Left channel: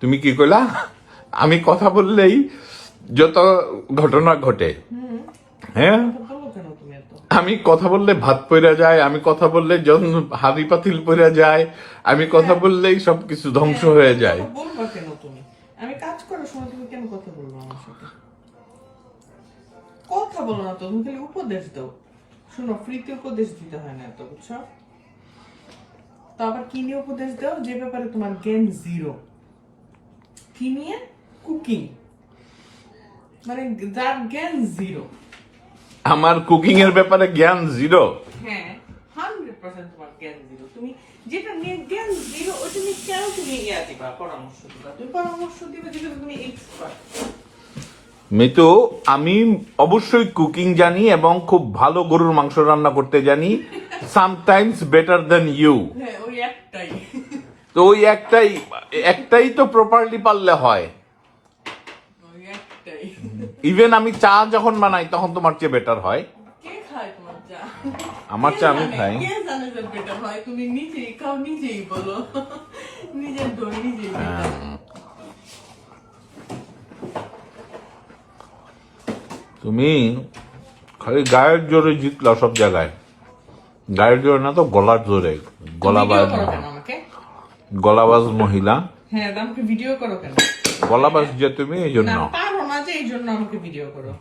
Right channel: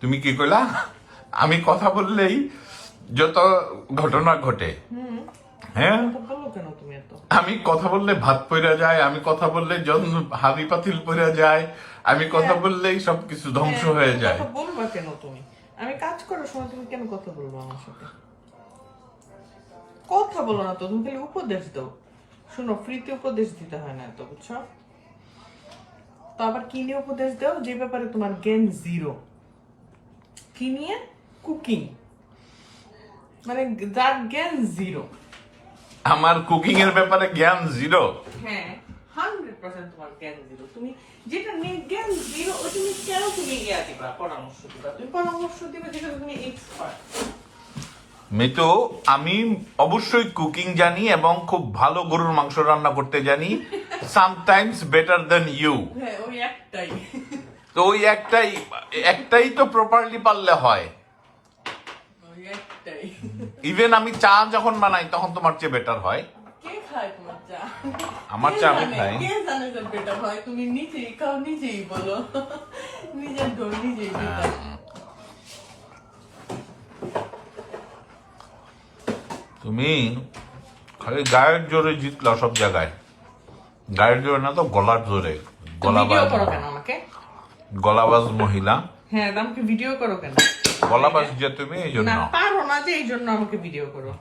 তুমি কি কইলা? আমি কথা বললেই যত ঘটনা ঘটে। হ্যাঁ, আমি কথা বললে ভাত পইরা যায়, আমি কথা বললে যখন হাড়ি পাতিল পইরা যায়, আমি কথা বললেই সবকিছু ধ্বংস হয়ে যায়। বলবা কেন তুমি? আমি কাজ করার সময় তুমি কেন কথা বলবো আমার সাথে? কথা বলো না তো, তুমি খালি উপদেশ দাও। শুনো, ফ্রিতে উপদেশ দিতে হয় না এত, বুঝছো? তো আবার কি নিয়ে উপদেশ দাও যে ব্যাপারে তোমার জ্ঞান জিরো? কি নিয়ে? কুকিং। মানে যার জ্ঞান জিরো। আমার কুকিং এর ব্যাপারে জ্ঞান জিরো। হ্যাঁ, 100% তোমার জ্ঞান জিরো। তুমি যেটা নিয়ে জ্ঞান জিরো, ওটা নিয়ে কেন তুমি ইয়া দিবা, পরামর্শ দিবা? তুমি পরামর্শ দিবে যেটা তুমি এক্সপার্ট। মিতু, আমি অবশ্যই কুকিং জানি এবং খুব ভালো গরুর মাংস রান্না করতে জানি, সামটাইমস বেটার দেন ইউ। হ্যাঁ, ওই একটাই। তো ওই একটাই তো প্রপারলি পারলে হয়। ওই একটাই। ইভেন আমি চা যখন বানাই তখন তোমার চেয়ে বেটার হয়। কে খায় তোমার চা? আমার চা আমি খাই। কে জানে যে বেটার হয়? তুমি নিজেই খাও, নিজেই বলো। নিজের দই নিজেই বেটার। তুমি খালি গায়ের জোরে জিতলা সব জায়গায়। গায়ের জোরে না তো গলার জোরে। ভিডিও করো কেন আমাকে? গলাবাজ মহিলা। হ্যাঁ, আমাকে ভিডিও করো কেন? গলাবাজ যে তুমি এই জন্য। না, পারো না যে এই জন্য আমাকে ভিডিও করো।